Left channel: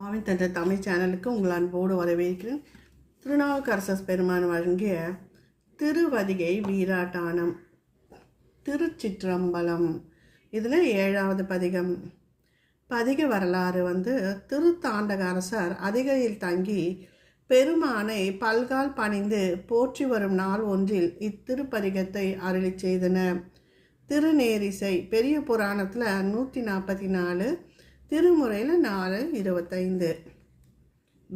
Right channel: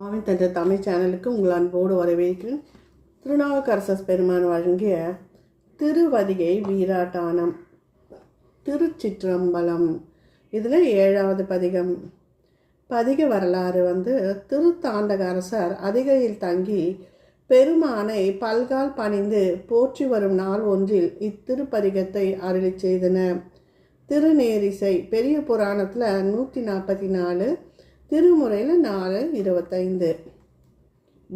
மாவின் தந்த தமிழ் சேனலுக்கு உங்கள் அன்போடு வரவேற்கிறேன். திருநாவுக்கரசர் பெருமான் வழங்கிய திருவதிகை வீராட்டானம் திருச்சிற்றம்பலம். இதில் ஏழாவது பதிகம். பதிக வரலாறு வந்து திருத்தாண்டக அரசர் அதிகையில் தங்கி பெருமானை பல்கால் பணிந்து போற்றி வரும் நாள் ஒன்றில் இத்திருப்பதிகத்தை அருளி செய்தன திருநேரிசை பெரிய புராணத்தில் நூற்றி நாற்பத்தி நாலு திருமுறையில் நாலு இருபத்தைந்து.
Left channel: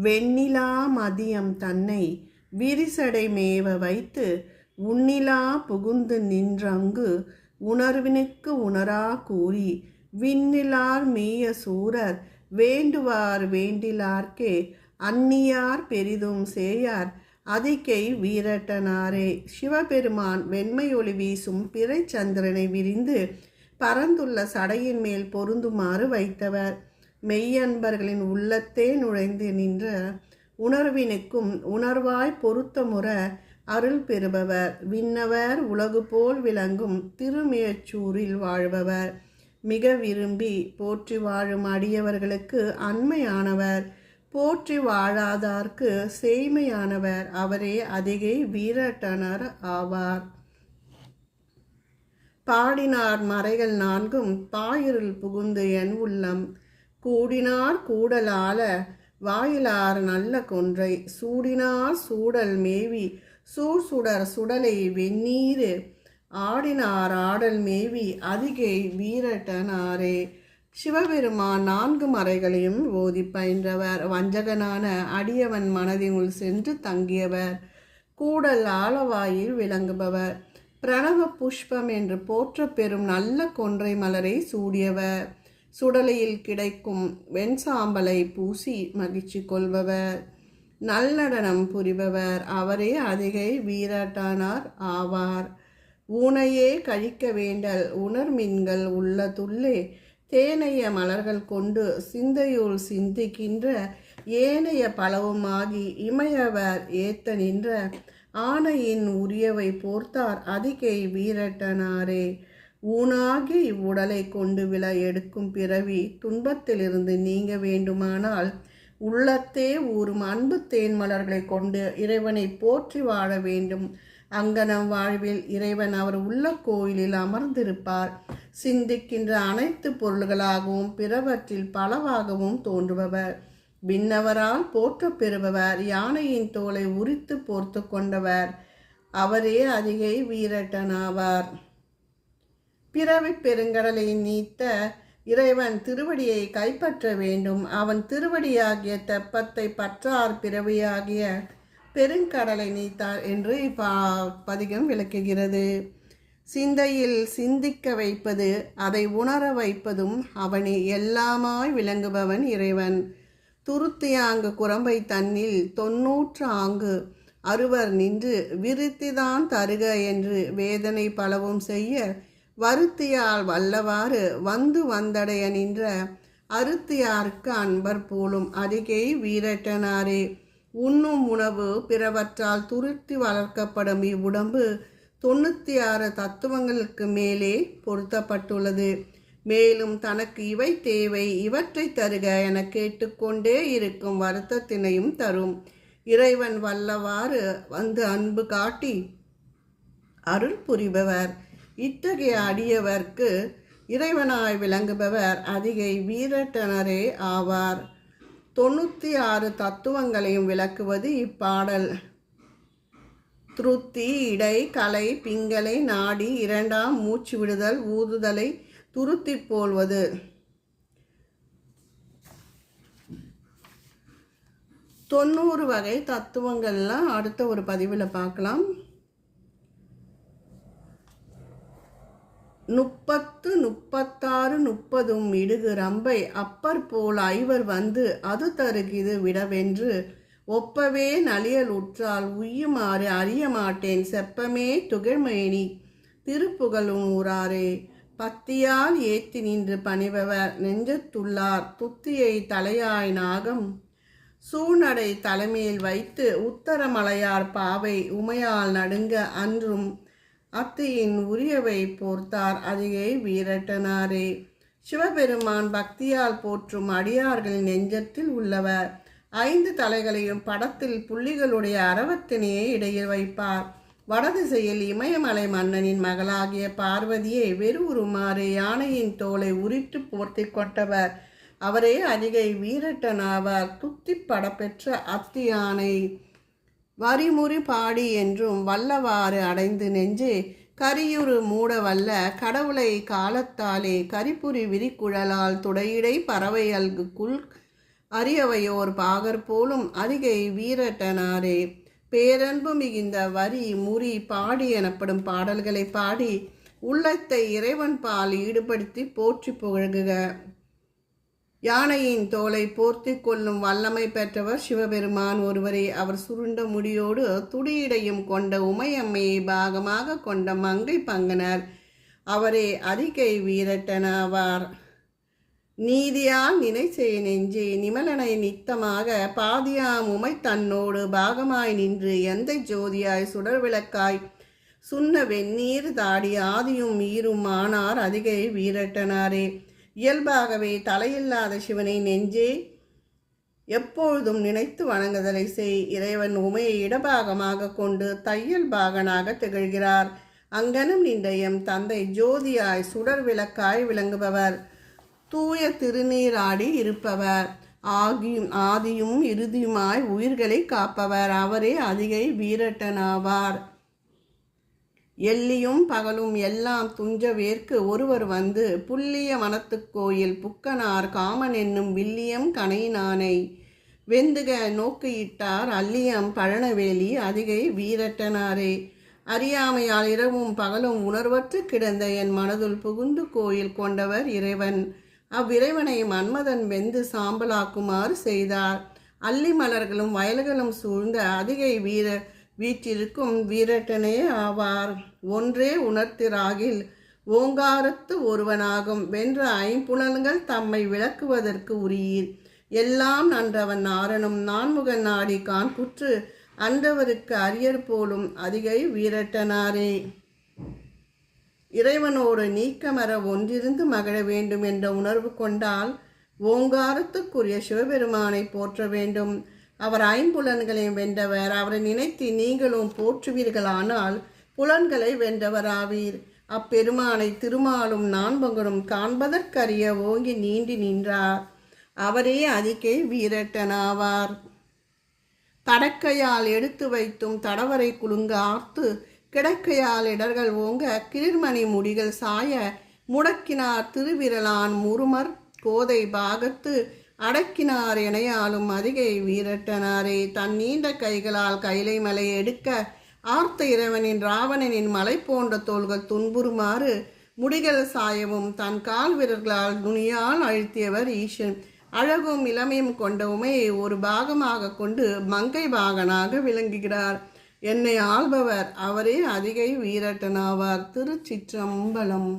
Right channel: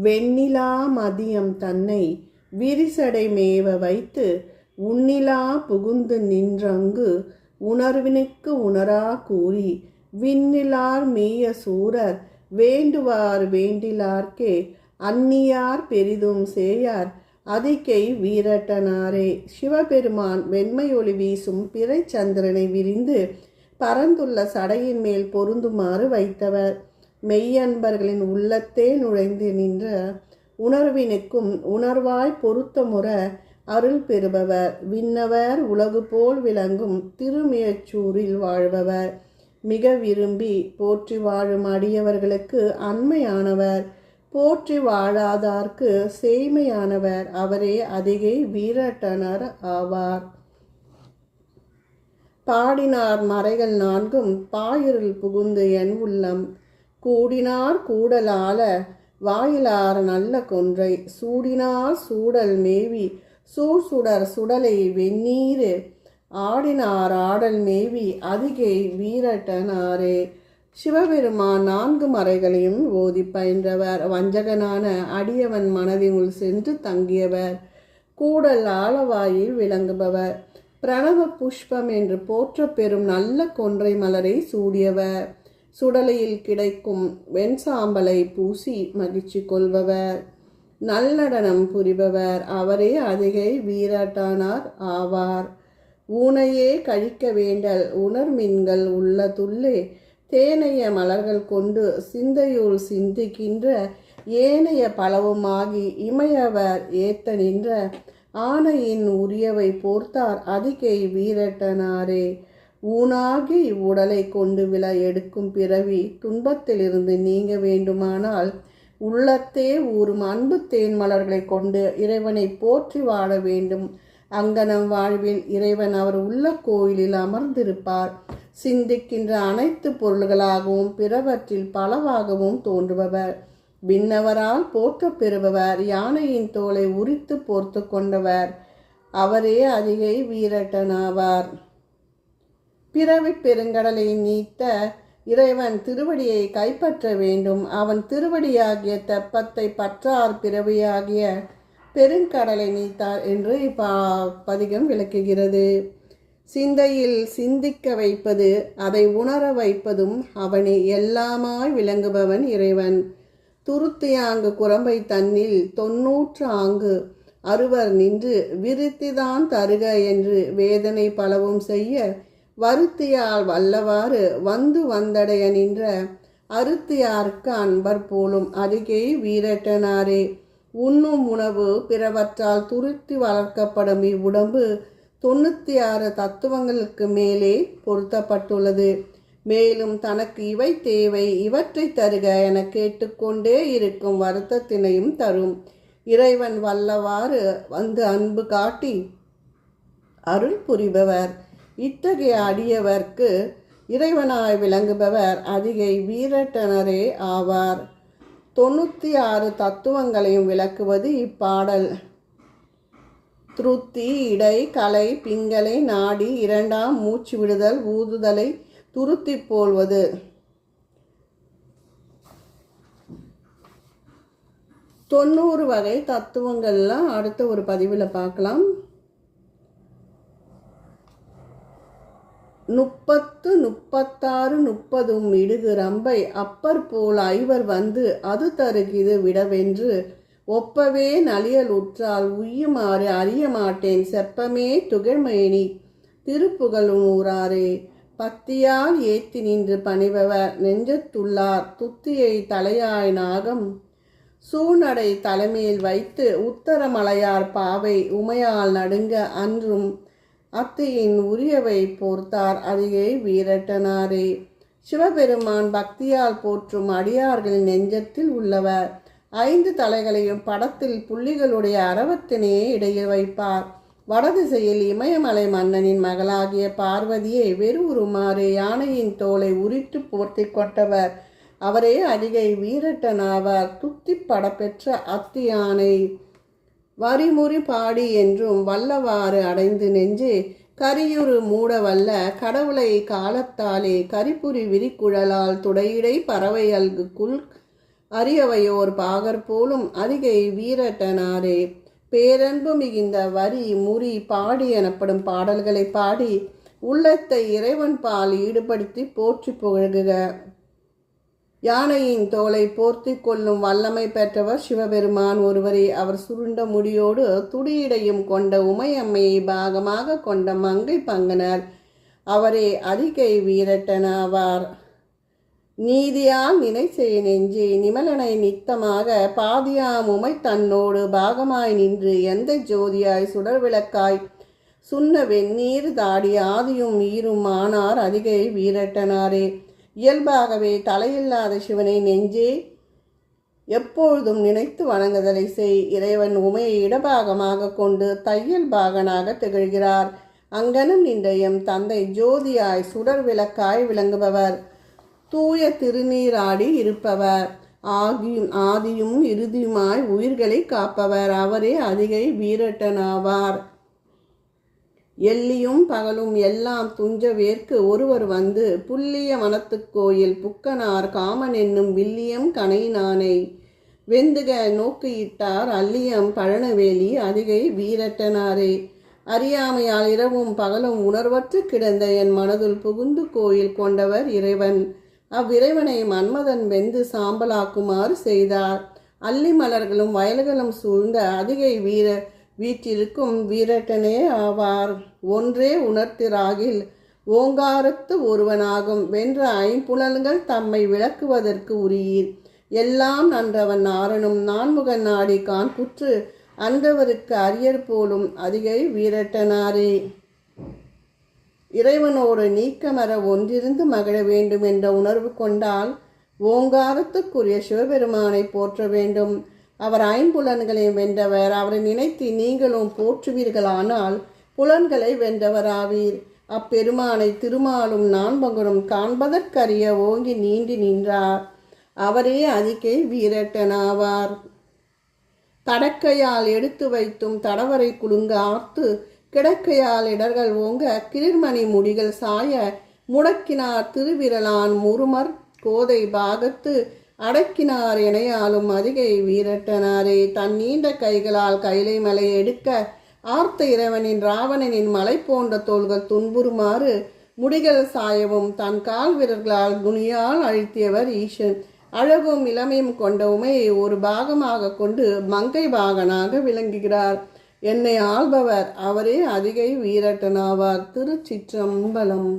வெண்ணிலா மதியம் தன்னை விரிசடை மேவ வைத்து உன்னிலா புகுந்து நின்றங்கு உணர்வினுக்கு உணரா கூறி விண்ணிலார் மேய சூரர் வேண்டுவார் வேண்டிலார்க்கே அந்நியார் பெரிதும் சேயார் அதிகை வீரட்டனாரே. சிவபெருமான் வெண்மையொளி வீசும் பிறைச்சந்திரனை விரிந்து பரந்துள்ள சடையின் மேல் பொருந்துமாறு வைத்தவர். மெய்யன்பர்களின் உள்ளத்தே நுழைந்து நின்ற உணர்வினுக்கும் உணர்வாய் பொருத்தமுற அருள் பெறுபவர். விண்ணவர் உலகு போல் விளங்கும் திருமியச்சூரில் வாழ்பவர். மிக விரும்பி போற்றி வாழும் அடியவர்களுக்கு அண்மையானவர். போற்றி வாழாதார்க்கு சேய்மையானவர். அவரே அதிகை வீரட்டனர் ஆவார். பாடினார் மறைகள் நான்கும் பாயிருள் புகுந்து என் உள்ளம். கூடினார் கூடலால வாயிலார நல்ல கொன்றை. சூடினார் சூடல் மேவி சூழ் சுடர் சுடலை வெந்நீர். ஆடினார் ஆடல் மேவி அதிகை வீரட்டனாரே. சிவபெருமான் நான்கு மறைகளையும் ஓதி பயின்றவர். வஞ்சகனான அடியவன் மனதினுள் சென்று தங்கியவர். கூடல் ஆலவாயில் விளங்குபவர். பிரணவ புஷ்பம் என்று போற்ற பெறும் நல்ல கொன்றை மலரை சூடியவர். சுடலையில் கிடைக்கும் வெண்சாம்பலை பூசி மகிழ்ச்சி கொள்பவர். நல்லடனம் புரிபவர். அவரே அதிகை வீராட்டானார் ஆவார். ஊனையே கழிக்க வேண்டல். உணர்மின்கள் உள்ள துள்ளே தேனைய மலர்கள் கொண்டு சிந்தையுள் சிந்திக்கின்ற ஏனைய பலவுமாகி இமையவர் ஏத்த நின்ற ஆனையின் உரியவை போர்த்தார் அதிகை வீரட்டனாரே. ஊனாகி இவ்வுடலை கொண்டு விழ எடுக்கும் பிறவி துன்பத்திலிருந்து நீங்க வேண்டுமானால் உள்ளத்தே ஊறும் அன்பு தேன் மலர்களை கொண்டு இறைவனை போற்றி வாழ வேண்டும். அங்கனம் வாழ்வில் இறைவன் அவர் உள்ள கோயிலில் அமர்ந்திருப்பார். சிந்திக்கின்ற அனைத்து பொருள்களாகவும் பிறவற்றில் பலவாகவும் தோன்றுபவர். விண்ணவரால் போற்ற பெறுபவர் யானையின் தோலை உரித்து போர்த்து கொண்டவர் அவரே அதிகை வீரட்டனாவார். பிறவி பெருங்கடலை நீத்த இறைவன் திருவடியை கைப்பற்ற வேண்டும். அவன் திருவடியாகிய தெப்பத்தை பற்றார் பிறவியாகிய பெருங்கடலை நீத்தார் என்று இப்பா பதிகம் விளக்குகிறது. சிந்தையில் சிந்திக்க வைப்பது அதை உணர வைப்பதும் அவனை எல்லாமாய் விளங்குபவன் இறைவன். துருத்தியாங்கு குரம்பை தன்னில் தொன்னூற்று ஆங்கு. அறுவர் நின்று விருத்திதான் தருக என்று வேதனை பலவும் செய்ய வருத்தியால் வல்லவாறு வந்து வந்தடைய நின்ற அருத்தியாருக்கு அன்பர் போலும் அருகே வீரட்டனாரே உண்ணும் உணவு பிறவற்றால் துருத்தி வளர்க்கப்படும் இவ்வுடம்பு தொண்ணூற்றி ஆறு தத்துவங்களுக்கு மேலே பொருத்தப்பட்டுள்ளது. மேலும் தனக்கு இவை தேவை இவற்றை தருக என கேட்டுக்கொண்டே இருக்கும் வருத்தத்தினையும் தரும். இறைவன் வல்லவாறு வந்து அன்பு காட்டி அருள் புரிபவர். இத்தகைய அடியவர்க்கு இறைவனாய் விளங்குபவர் அதிகை வீரட்டனரே ஆவார். தொண்ணூற்றி ஆறு தத்துவங்களையும் விளக்குவது இப்பாடல். திருத்தி இடை கலை பிங்களை நாடி இரண்டாம் மூச்சு விடுதல் ஊதுதலை துருத்தி போல்வது. தொண்ணூறு வகை தத்துவங்கள்லாம் அடுத்த ஒரு பதிவில் பார்க்கலாம். முப்பத்து முப்பத்தாறு முப்பதும் இடுகு ரம்பை அப்பர் போல் ஐவர் வந்து அது தருகிது விடவென்று ஒப்பவே நலியல் உற்றால் உய்யுமாறு அறிய மாட்டேன் செப்பமே துகழ்மேனி திருப்புகழும் ஊராரே. பத்தியால் ஏத்தி நின்று பணிபவர் நெஞ்சத்துள்ளார். துத்தியை தலையாய் நாகம் சூனடை தலைமையில் வைத்து உத்தரமலையார் பாவை உமையால் நடுங்க அன்றும் அத்தையின் உரியவை போர்த்தார் அதையே வீரட்டனாரே. சிவபெருமான் பக்தியால் போற்றும் அடியார்களின் நெஞ்சத்தில் உள்ளவர். ஐந்து தலைகளையும் படத்தில் புள்ளிகளுடைய அரவத்தினையே இடையில் வைப்பார். வடதிசையில் இமயமலை மன்னனின் மகளாகிய பார்வதியை வெறுவுருமாறு யானையின் தோலை உரித்து போர்த்தி கொண்டவர். அவரே அதிகை வீரட்டனாவார். துத்தி படப்பெற்ற அத்தி யானை வரிமுறி பாடி என்றும் வல்லவாறு அடைந்து நெஞ்சு கரியுறு மூடவல்ல. கடவுளை காலத்தாலே கரிபுரி விரிக்குழலால் துடையிடை பறவை அல்குக்குள் அரியவையோர் பாகர் போலும் அதிகை வீரட்டனாரே. பேரன்பு மிகுந்த வரி முறி பாடி எனப்படும் பாடல்களை பாடி உள்ளத்தை இறைவன் பால் ஈடுபடுத்தி போற்றி புகழ்குக யானையின் தோலை போர்த்தி கொள்ளும் வல்லமை பெற்றவர் சிவபெருமான் ஒருவரை. அவர் சுருண்ட முடியோடு துடியிடையும் கொண்ட உமையம்மையை பாகமாக கொண்ட மங்கை பங்கனர். அவரே அதிகை வீரட்டனாவார் நீதியால் நினை செய் நெஞ்சே நிமலனை நித்தமாக பாதியாம் உமை தன்னோடு பாகமாய் நின்று எந்த ஜோதியாய் சுடர் விளக்காய் சுண்ண வெந்நீர் தாடி ஆதியும் ஈரும் ஆனார் அதிகை வீரட்டனாரே. இயல்பாகவே தலையில்லாத சிவனை நெஞ்சே எப்பொழுதும் நினைத்து வணங்குதலை செய். இறைவன் உமையை இடபாகமாக கொண்டு தையல் பாகனாக திகழ்கிறார். அங்கனும் நின்ற எம் தந்தை ஜோதியாய் சுடர் விளக்காய் விளங்குபவர். தூய திருநீராடி இருப்பவர். ஆகியும் ஆதியும் இறுதியுமாய் உயிர்களை காப்பவர். அவரே அதிகை வீரட்டனாவார். எல்லியும் பகலும் எல்லாம் துஞ்ச வேர்க்கு ஒருவர் வந்து புல்லிய மனத்துக்கோயில் புக்கனார் காமன் என்னும் வில்லியம் கனைநானை வெந்துக நோக்கியிட்டார். அல்லியம் பழனவேலி அதிகை வீரட்டனாரே. அறியாமையால் இரவும் பகலும் உணர்வற்று கிடந்த என் மனதுள் புகுந்து கோயில் கொண்டவர் இறைவன். அவ்விறைவனை மன்மதன் வெந்து சாம்பலாக்குமாறு செய்தார். அல்லி மலர்களும் வயல்களும் சூழ்ந்த அதிகை வீர வீற்றிருக்கும் வீரட்டனே ஆவார். ஒன்றே உணர்த்திராகில் ஓங்காரத்து ஒருவனாகும். வென்ற ஐம்புலன்கள் தம்மை விளக்குவதற்கு உரியீர். எல்லாம் நன்றவன் நாரனும் நான்முகன் நாடி காண்புற்று அன்றவருக்கு அரியர் போலும் அதிகை வீரட்டனாரே. இறைவனோடு நீக்கமர ஒன்றிருந்து மகிழ வேண்டும் என்ற உணர்வு கொண்டால் ஓங்காரத்துக்குரிய சிவபெருமானை போற்ற வேண்டும். அவர் ஐம்புலன்களையும் வென்றவர். அவரை நினைத்து நீங்களும் போற்றுவீர்களானால் புலன்களை வென்றவராவீர். அப்பெருமானை திருமாலும் நான்பகரும் காண்பதற்கரிய ஓங்கி நீண்டி நின்றார். அவரே அதிகே வீரட்டனாவார். தடக்கையால் எடுத்து வைத்தும் தடவரை குலுங்க ஆர்த்து கிடக்கையால் இடர்கள் ஓங்க கிளிர்மணி முடிகள் சாய முடக்கினார் திருவிரலான் முருமர் கோதை பாகத்து அடக்கினார் எனையாலும் அதிகை வீரட்டனாரே. தன் நீண்ட கைகளால் கைலை மலை எடுக்க ஆர்த்த இறைவனின் ராவணனின் மலை போன்ற தோள்கள் துன்புறுமாறு முடிகள் சாயவும் தன் கால் வீரர்களால் துணியால் அழுத்தியவர் ஈசன். அழகும் இளமையும் கொண்ட உமையை ஒரு பாகமாக கொண்டு மங்கை பாகனாக விளங்குகிறார். என்னை ஆள்பவர் அவரே அதிகை வீரட்டனாவார். திருச்சிற்றம்பலம்.